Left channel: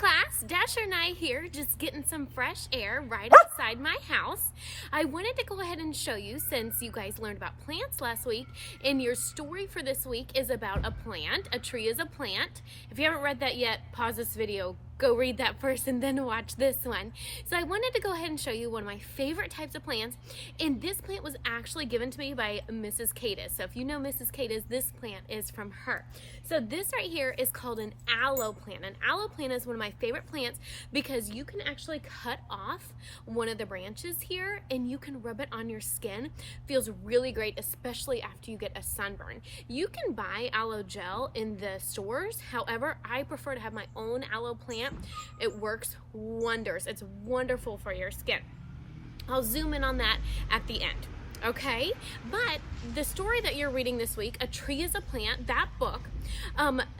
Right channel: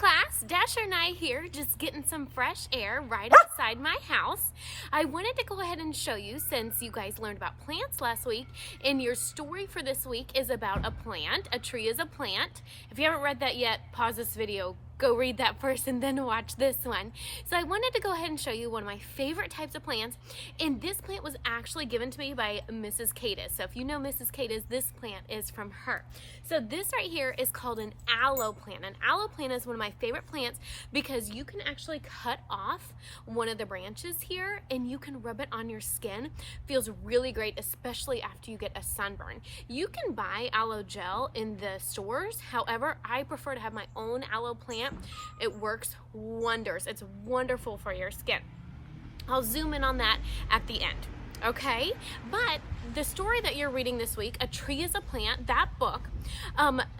class, Dasher and I here just getting some fresh air right outside my house. I wanted to go ahead and show you, since you guys learned about plants last week, and your story for this week is about a plant. A tree is a plant. If you haven't read that yet, pause this video, go read that first, and then watch this one. So I wanted to go ahead and show you one of my favorite types of plants, and this plant was actually given to me by Mrs. Cadis. So if you know Mrs. Cadis, this plant is from her. So this right here is called an aloe plant. An aloe plant is one of my favorite plants because you can actually cut off one of the branches here and you can rub it on your skin. Feels really great, especially after you get a sunburn. You can buy aloe gel in the stores. However, I prefer to have my own aloe plant. It works wonders. It's wonderful for your skin. I'll zoom in on that at the end. Okay, but the story that you're reading this week, A Tree is a Plant, that book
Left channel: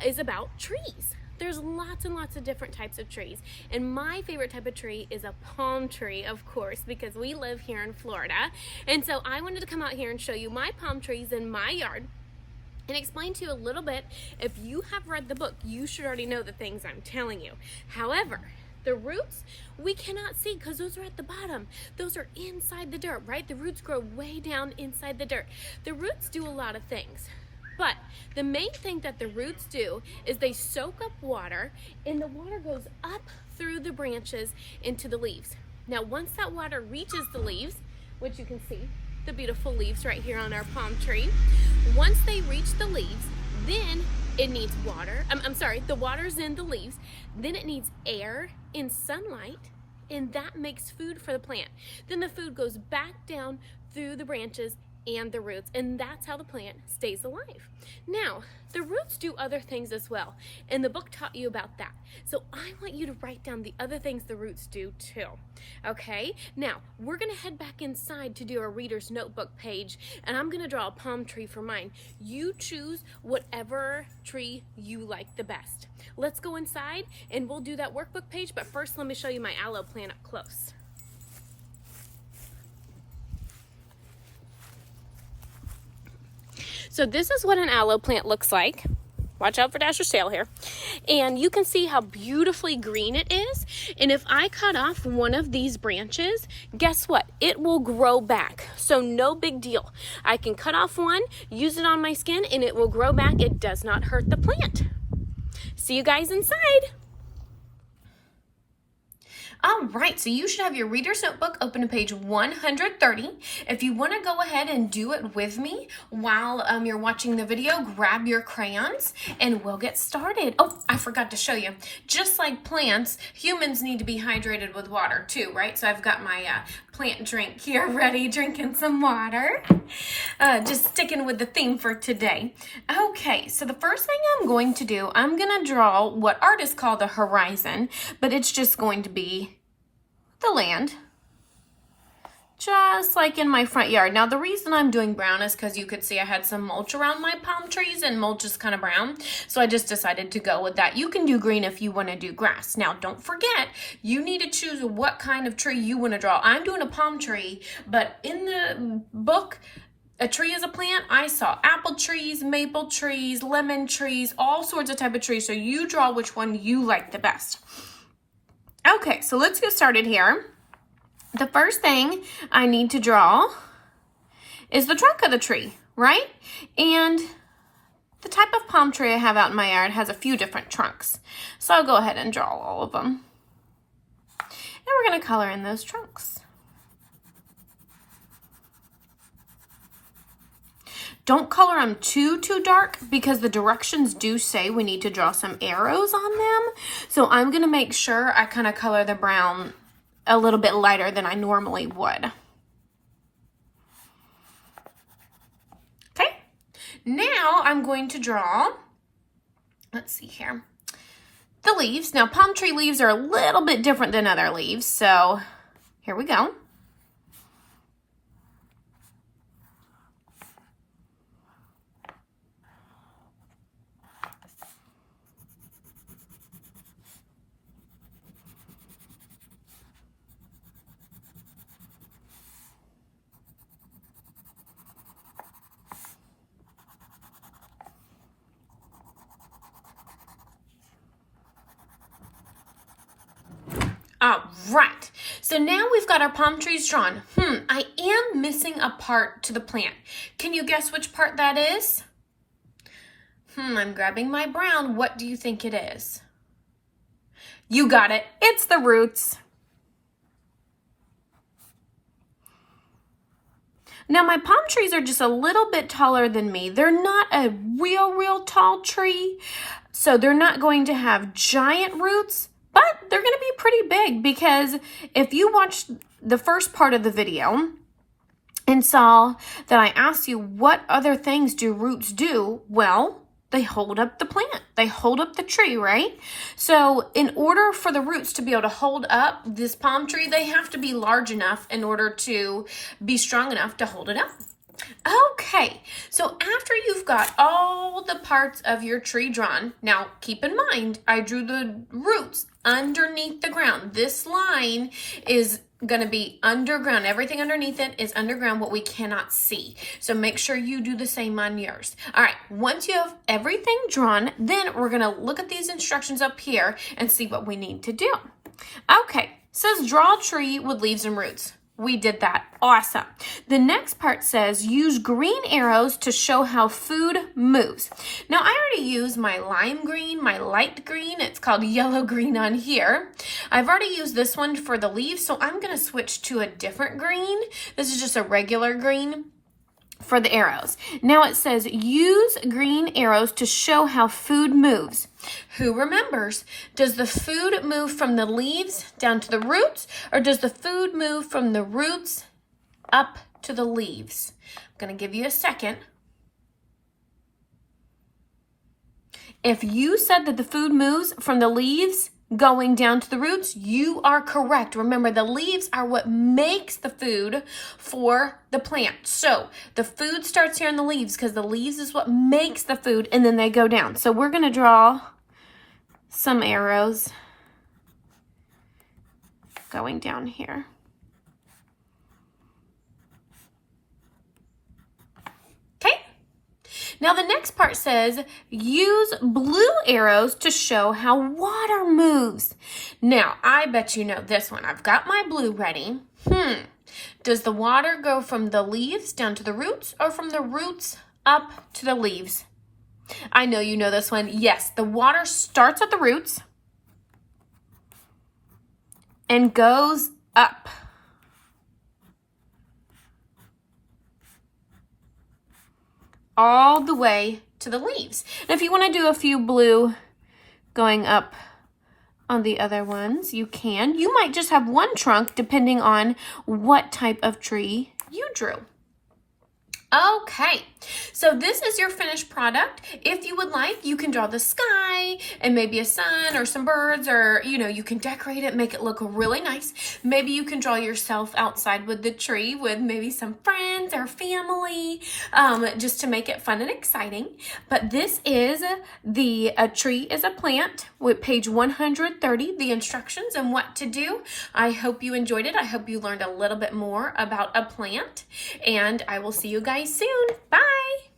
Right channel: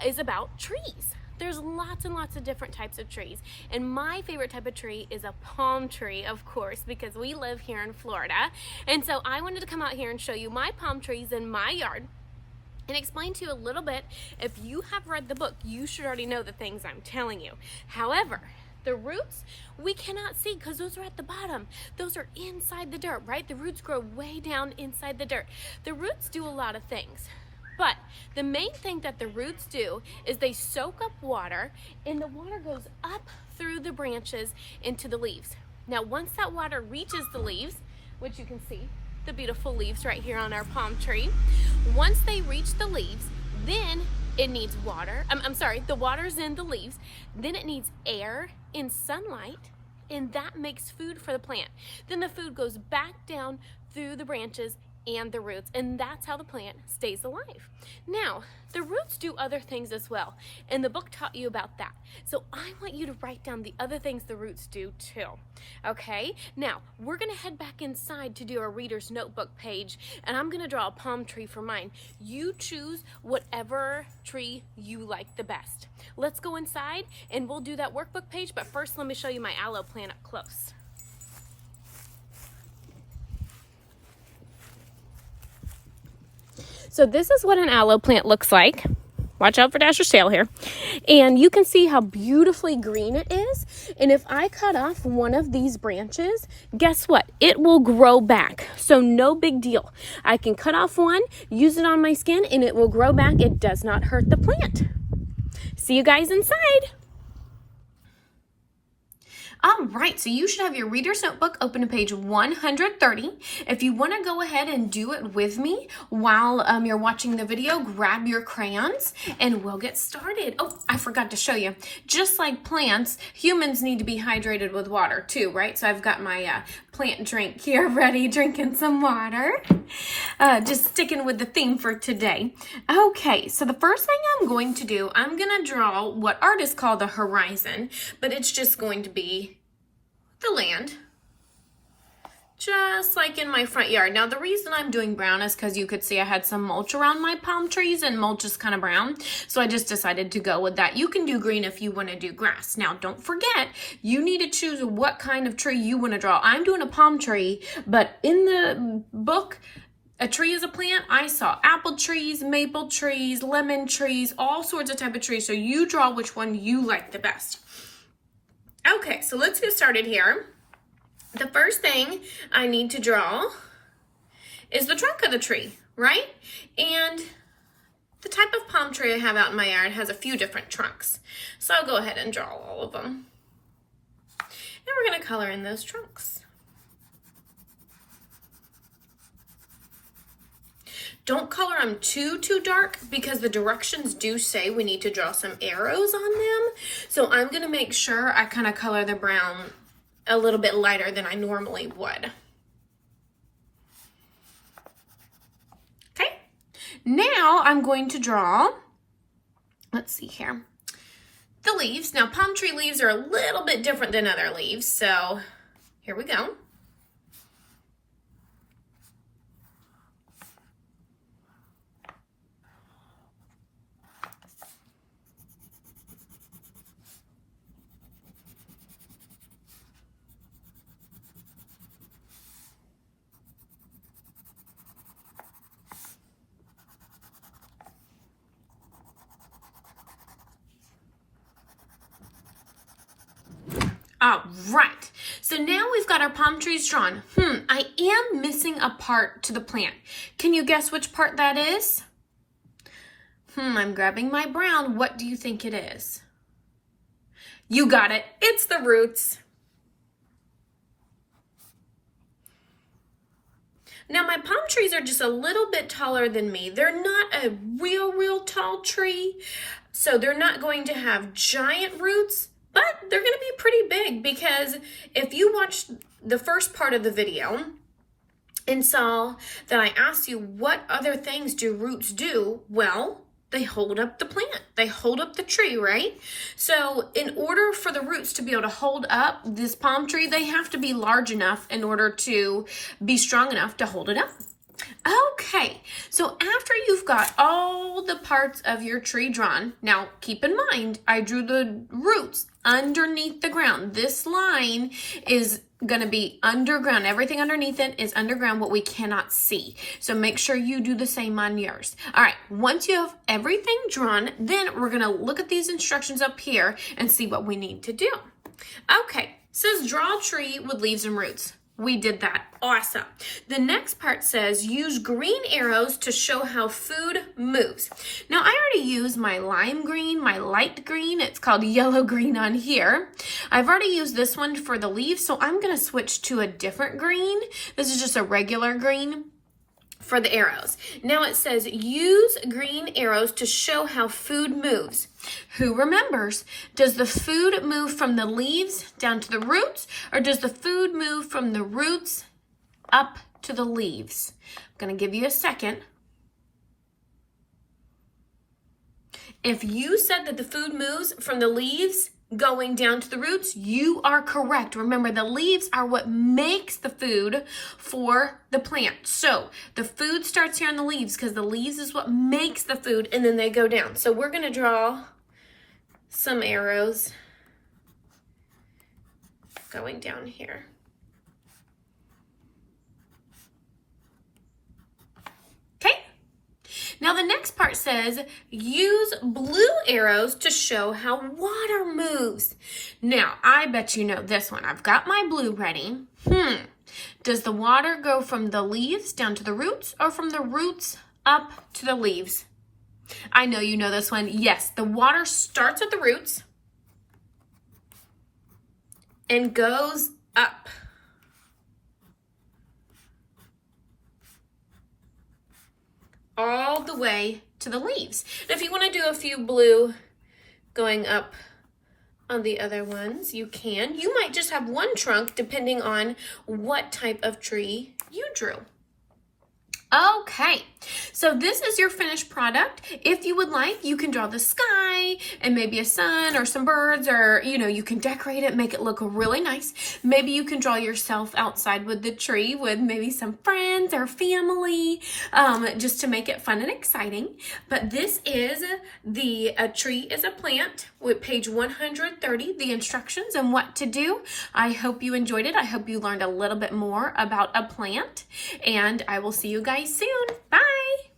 is about trees. There's lots and lots of different types of trees, and my favorite type of tree is a palm tree, of course, because we live here in Florida. And so I wanted to come out here and show you my palm trees in my yard and explain to you a little bit. If you have read the book, you should already know the things I'm telling you. However, the roots we cannot see because those are at the bottom. Those are inside the dirt, right? The roots grow way down inside the dirt. The roots do a lot of things, but the main thing that the roots do is they soak up water, and the water goes up through the branches into the leaves. Now, once that water reaches the leaves, which you can see, the beautiful leaves right here on our palm tree, once they reach the leaves, then it needs water. The water's in the leaves, then it needs air and sunlight, and that makes food for the plant. Then the food goes back down through the branches and the roots, and that's how the plant stays alive. Now, the roots do other things as well, and the book taught you about that. So I want you to write down the other things the roots do too. Okay, now we're gonna head back inside to do our reader's notebook page, and I'm gonna draw a palm tree for mine. You choose whatever tree you like the best. Let's go inside and we'll do that workbook page, but first let me show you my aloe plant up close. So this is what an aloe plant looks like. Watch out for Dasher's tail here. And you can see how beautifully green it is. And if I cut off one of these branches, guess what? It will grow back. So no big deal. I can cut off one, use it on my skin, and it will grow back. It does not hurt the plant. See you guys inside. All right, so you should have your reader's notebook open to page 130. If you want to go ahead and do it with me while you're watching the video, grab your crayons and we'll get started. Oh, I forgot to show you. Just like plants, humans need to be hydrated with water too, right? So I've got my plant drink here ready, drinking some water. Just sticking with the theme for today. Okay, so the first thing I'm going to do, I'm going to draw what artists call the horizon, but it's just going to be the land, just like in my front yard. Now, the reason I'm doing brown is because you could see I had some mulch around my palm trees, and mulch is kind of brown, so I just decided to go with that. You can do green if you want to do grass. Now, don't forget, you need to choose what kind of tree you want to draw. I'm doing a palm tree, but in the book, A Tree is a Plant, I saw apple trees, maple trees, lemon trees, all sorts of type of trees, so you draw which one you like the best. Okay, so let's get started here. The first thing I need to draw is the trunk of the tree, right? And the type of palm tree I have out in my yard has a few different trunks. So I'll go ahead and draw all of them. And we're gonna color in those trunks. Don't color them too dark because the directions do say we need to draw some arrows on them. So I'm going to make sure I kind of color the brown a little bit lighter than I normally would. Okay, now I'm going to draw, let's see here, the leaves. Now palm tree leaves are a little bit different than other leaves, so here we go. All right, so now we've got our palm trees drawn. I am missing a part to the plant. Can you guess which part that is? I'm grabbing my brown. What do you think it is? You got it. It's the roots. Now my palm trees are just a little bit taller than me. They're not a real tall tree, so they're not going to have giant roots, but they're going to be pretty big, because if you watched the first part of the video and saw that I asked you what other things do roots do, well, they hold up the plant. They hold up the tree, right? So in order for the roots to be able to hold up this palm tree, they have to be large enough in order to be strong enough to hold it up. Okay, so after you've got all the parts of your tree drawn, now keep in mind, I drew the roots underneath the ground. This line is going to be underground. Everything underneath it is underground, what we cannot see. So make sure you do the same on yours. All right, once you have everything drawn, then we're going to look at these instructions up here and see what we need to do. Okay, it says draw a tree with leaves and roots. We did that. Awesome. The next part says use green arrows to show how food moves. Now I already used my lime green, my light green. It's called yellow green on here. I've already used this one for the leaves, so I'm going to switch to a different green. This is just a regular green for the arrows. Now it says use green arrows to show how food moves. Who remembers? Does the food move from the leaves down to the roots, or does the food move from the roots up to the leaves? I'm going to give you a second. If you said that the food moves from the leaves going down to the roots, you are correct. Remember, the leaves are what makes the food for the plant. So the food starts here in the leaves, because the leaves is what makes the food, and then they go down. So we're going to draw some arrows going down here. Now the next part says, use blue arrows to show how water moves. Now, I bet you know this one. I've got my blue ready. Does the water go from the leaves down to the roots, or from the roots up to the leaves? I know you know this one. Yes, the water starts at the roots and goes up. All the way to the leaves. And if you want to do a few blue going up on the other ones, you can. You might just have one trunk depending on what type of tree you drew. Okay, so this is your finished product. If you would like, you can draw the sky and maybe a sun or some birds, or, you know, you can decorate it, make it look really nice. Maybe you can draw yourself outside with the tree with maybe some friends or family, just to make it fun and exciting. But this is the tree is a plant with page 130, the instructions and what to do. I hope you enjoyed it. I hope you learned a little bit more about a plant, and I will see you guys soon. Bye.